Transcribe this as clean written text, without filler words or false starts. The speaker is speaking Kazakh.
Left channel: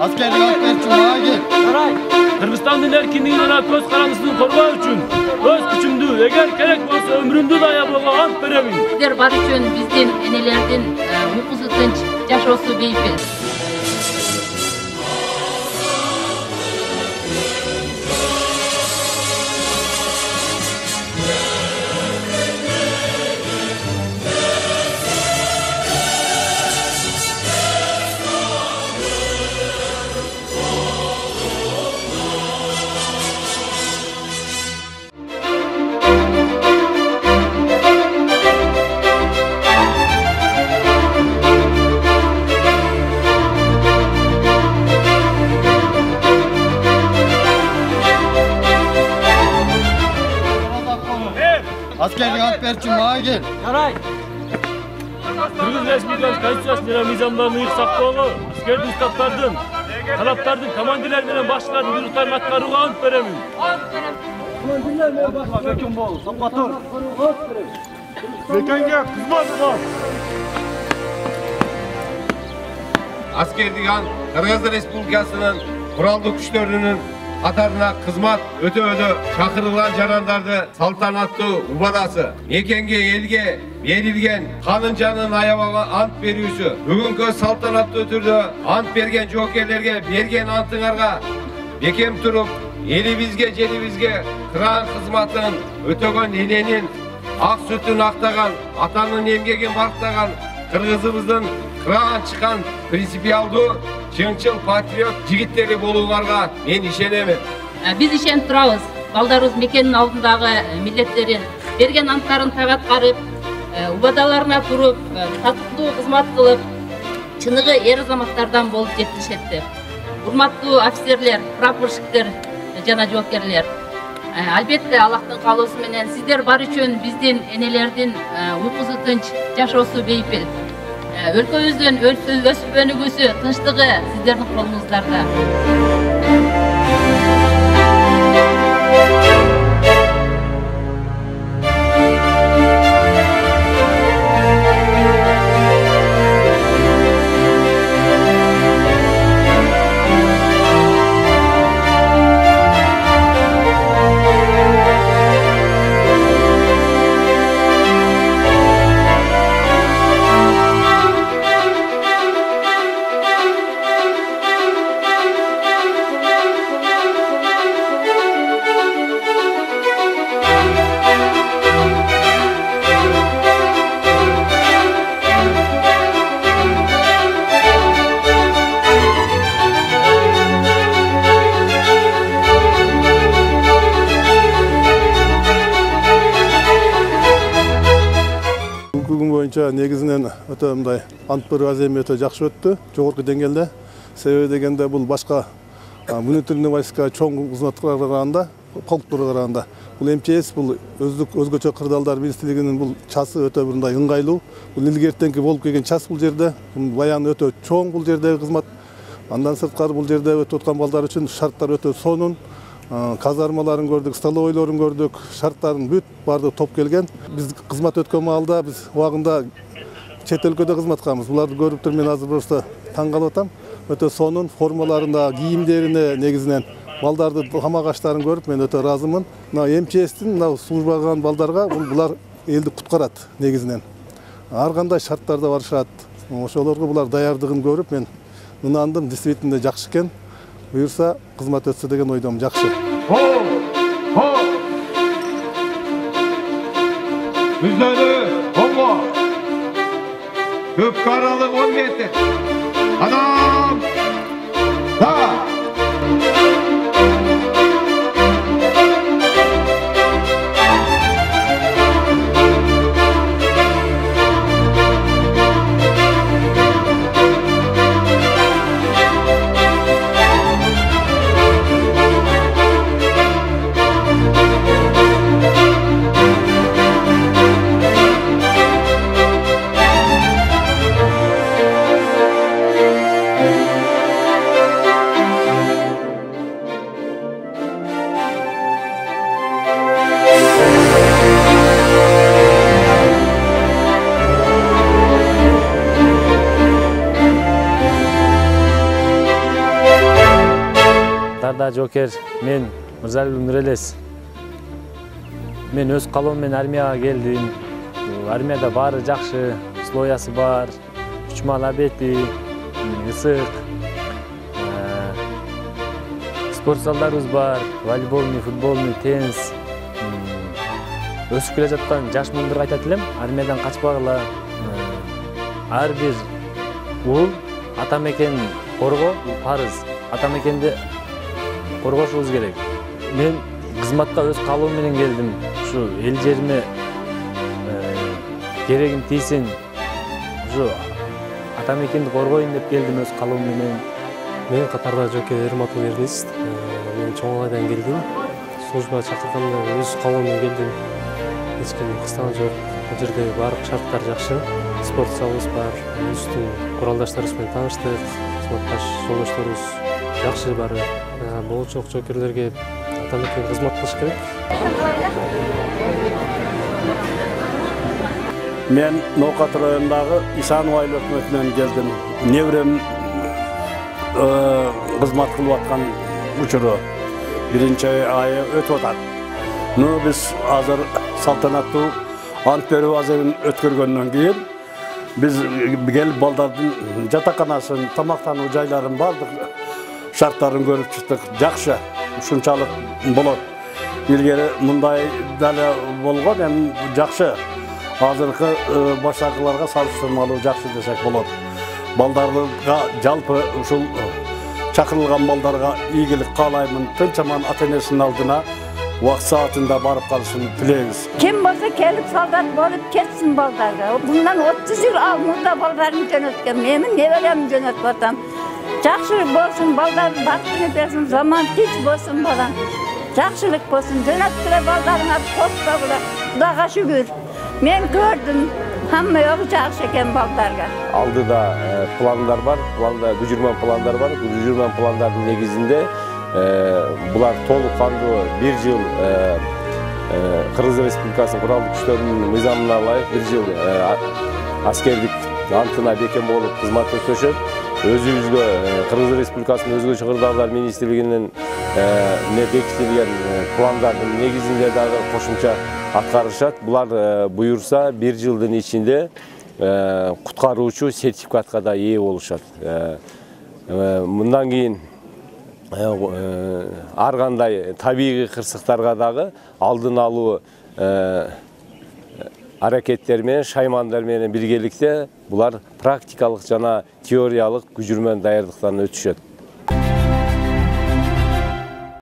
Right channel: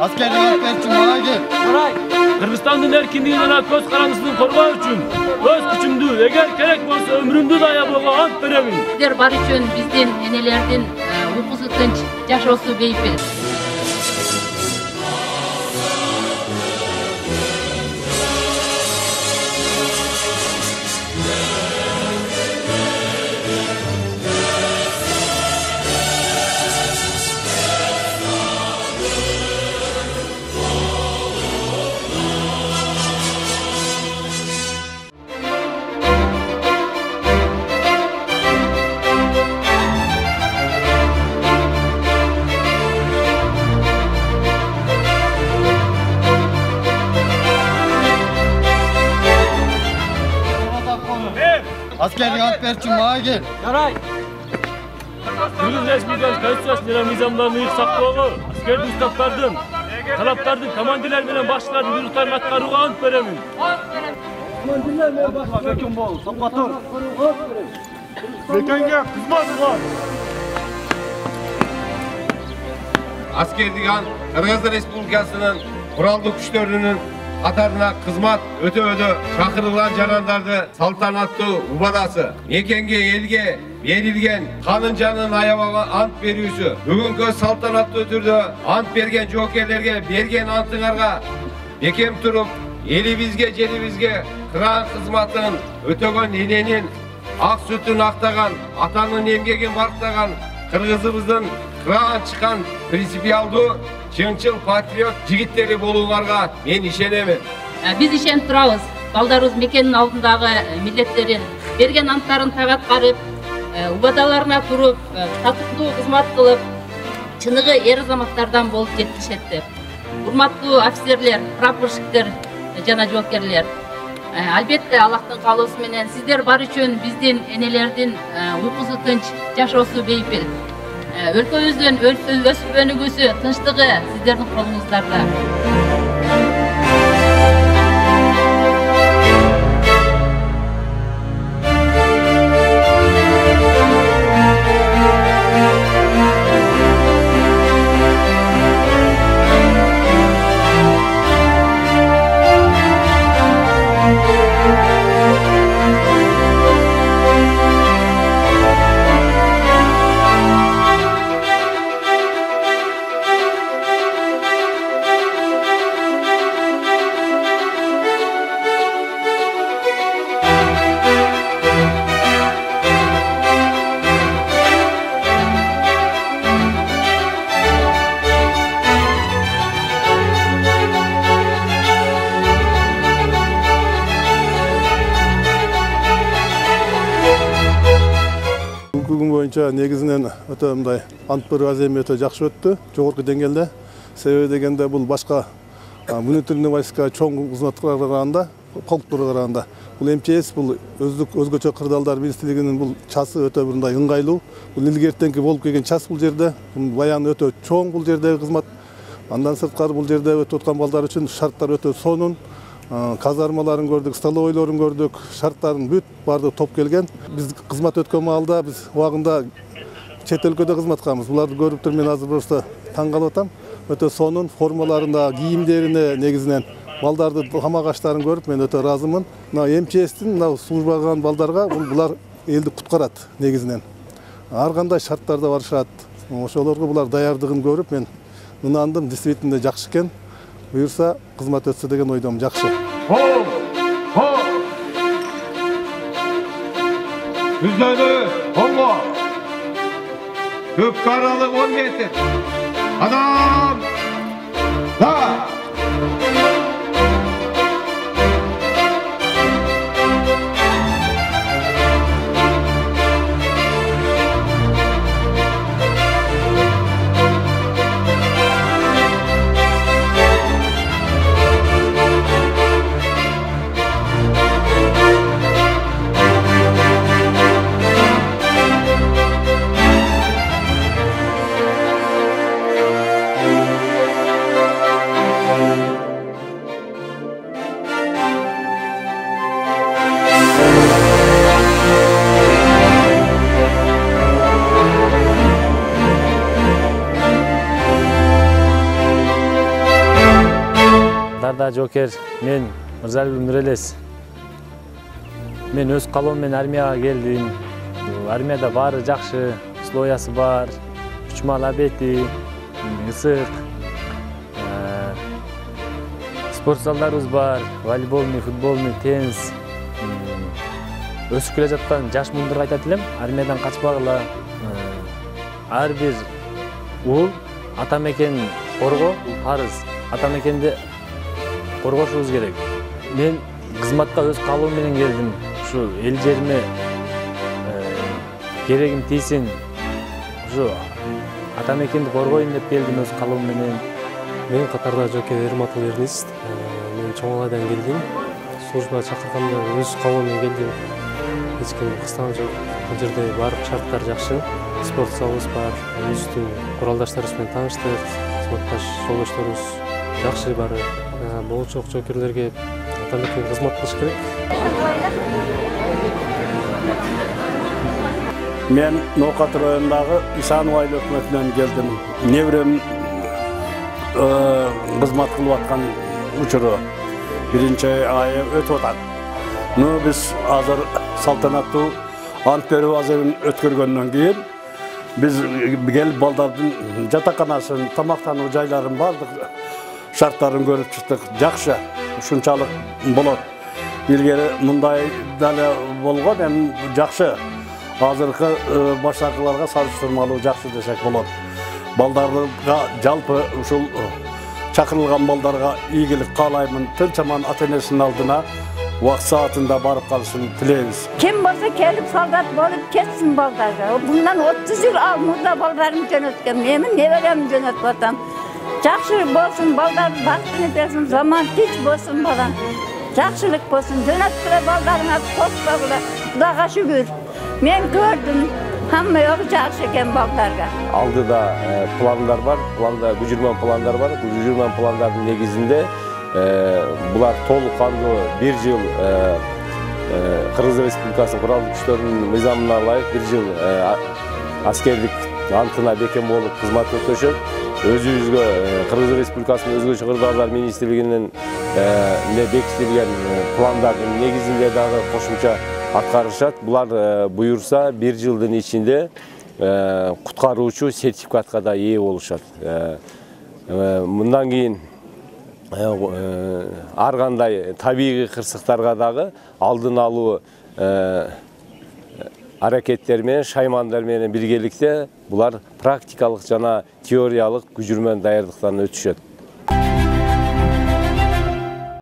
Askerlik ant ber için bana gel. Saray. Kırgızistan'ın erkinliğinden köz karanlısını korumak için öz gücümdü, eğer gerek bolsa ömrümdü de ayaboğa ant beremin. Sizler bar üçün bizden enelerden uykusu tınç, yaşosu beypil. Askerlik ant ber için bana gel. Saray. Kırgız Respublikası Konstitusiyasyonu nizamlarını yıksak doğru. Askerdi ustaptardın, talaptardın, komandiler bilen başçıların buyruqlarını atkarığa ant beremin. Komandiler bilen başçılar kim bol? Sokatır. Bekenge kızmaz var. Askerlik ant Kırgız Respublikasının kurallı güçlerinin Katarına kızmat öte çakırılan canandardı saltanatlı ubadası. Mekenge elge verilgen kanın canın ayabağa ant beriyüsü. Bugünkü saltanatlı ötürdü ant bergen jokerlerge bergen antыңарға bekem turup elibizge jelibizge kıran kızmatın ötögön enenin ak sütün aktаған atanın emgegen barktаған kırgızыбыздын kıran çıkan принципиалдуу чынчыл патриот жигиттери болууңарга мен ишенемин. Biz işen turabız. Baldarыбыз мекенин алдындагы милletтерин берген анттарын тагаткарып, убадаlarına туруп, татыктуу кызмат кылып, чыныгы эр азаматтардан болуп жетишетти. Урматтуу офицерлер, прапорщиктер жана жоокерлер. Албетте Аллахтын каалоосу менен сиздер бар үчүн биздин энелердин уйкусу тынч, жашоосу бейпил. Өлкөбүздүн өсүп өнүгүүсү, тынчтыгы сиздердин колуңуздарда. Бүгүн боюнча негизинен өтө мындай ант берүү аземи өтө жакшы өттү, жогорку деңгээлде. Себеби дегенде бул башка внутренний войска чоң кызматкаларга караганда, полктурга караганда бул МЧС бул өзгөчө кырдаалдар министрлигинин бул часы өтө мындай ыңгайлуу. Бул илгертенки болуп келген час бул жерде. Баян өтө чоң бул жердеги кызмат. Андан сырткары бул жерде өтүп аткан балдар үчүн шарттар өтө сонун. Казармаларын көрдүк, столовойлорун көрдүк, шарттарын бүт барды топ келген. Биз кызмат өткөн маалда биз убагында чет өлкөдө кызмат кылабыз. Буларды көрүп туруп мен азыр просто таң калып атам. Өтө сонун формаларында, кийимдерине негизинен балдарды тамак аштарын көрүп мен өтө ыраазымын. Мына МЧСтин мына службага калган балдарга булар элди куткарат негизинен. Ар кандай шарттарда барышат. Ошолорго булар даярдыгын көрүп мен ынандым, действительно жакшы экен. Буюрса кызмат өтсө деген ойдом жакшы. Yüzleri Kongo. Köp karalık 10 metre. Adam. Da. Катарда жокер мен Мырзалиев Нурелес. Мен өз калоом менен армияга келдим. Армияда баары жакшы, условиясы бар, учмал абети, ысык. Спорт залдарыбыз бар, волейболный, футболный, теннис. Өсүп келе жаткан жаш мундурга айтат элем, армиядан качпагыла. Ар бир уул ата мекен коргоо, бул парыз. Ата мекенди коргошубуз керек. Мен кызматка өз калоом менен келдим. Ушу эл жериме керегим тийсин. Ушу ата мекенди коргоюн деп келдим өз калоом менен. Мен катарда жокер Эрматул Эрнест. Мен Чоңалайдан келдим. Службага чакырганда өз калоом менен келдим. Эч ким кыстаган жок. Бул жерде баардык шарттар жакшы. Спорт залыбыз бар. Өзүбүздүн куралдаштарыбыз менен тааныштык. Кызматташ жолдошторубуз жакшы бары. Болочок жокерлерге ата мекенге кызмат кылыш керек. Мен Ноокат районундагы Исанов айыл өкмөтүнөн келдим. Неберем кызмат кылып аткан учуру биринчи айы өтүп атат. Биз азыр салтанаттуу ант берүү азебин өткөргөндөн кийин биз келип балдардын жатаканасын, тамактануу жайларын бардык шарттарын көрүп чыктык. Жакшы, ушунчалык болот. Илгери мындай деле болгон, эми жакшы. Азыркы баштакыларга салыштырмалуу жакшы десек болот. Балдарга жалпы ушул чакырылган балдарга ийгилик каалаймын. Тынчаман ата-энесинин алдына вакыт саатында барып калышын тилейбиз. Kim bolsa kelip soldat bolup ketsin baldarga. Bundan 30 yıl murda baldarım jönötken, menin neberem jönötüp atam. Jakşılık bolsun, balдар baktını bersin, zaman tinç bolsun balan. Jakşılık bolsun, jönötküle baldarına korkpagıla. Xudaga şükür. Men gördüm. Hamma yoğu jakşı eken baldarga. Aldıda planlar var, planda gücürmen planlar var. Gücürmen planların negizinde bular толук кандуу bir жыл Кыргыз Республикасынын куралдуу күчтөрүнүн мыйзамына ылайык bir жыл аскердик антына бекем болуп кызмат өтөшөт. Өзүбүзгө Кыргыз Республикасынын өзгөчө кырдаалдар министрлигинин бекитилген пландардын негизинде дагы кошумча аткарышат. Булар буюрса bir жылдын ичинде куткаруучу сертификатка да ээ болушат. Мындан кийин ар кандай табигый кырсыктарга дагы алдын алуу аракеттер менен, шаймандар менен биргеликте булар практикалык жана теориялык күжүрмөн даярдыктан өтүшөт.